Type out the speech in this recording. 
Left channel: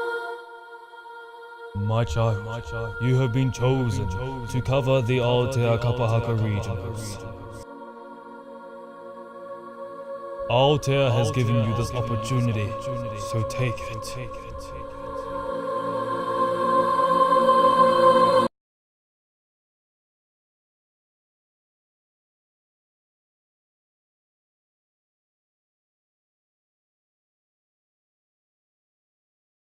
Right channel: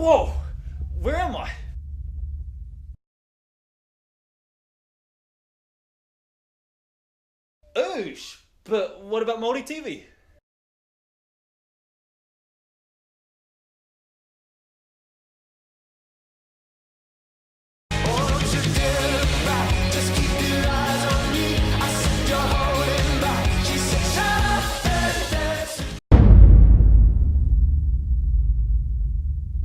Whoa! Where am I? My child, you have been chosen to cover the Aotearoa region. Oosh! But what about Māori TV? Aotea has given you this opportunity, so take it.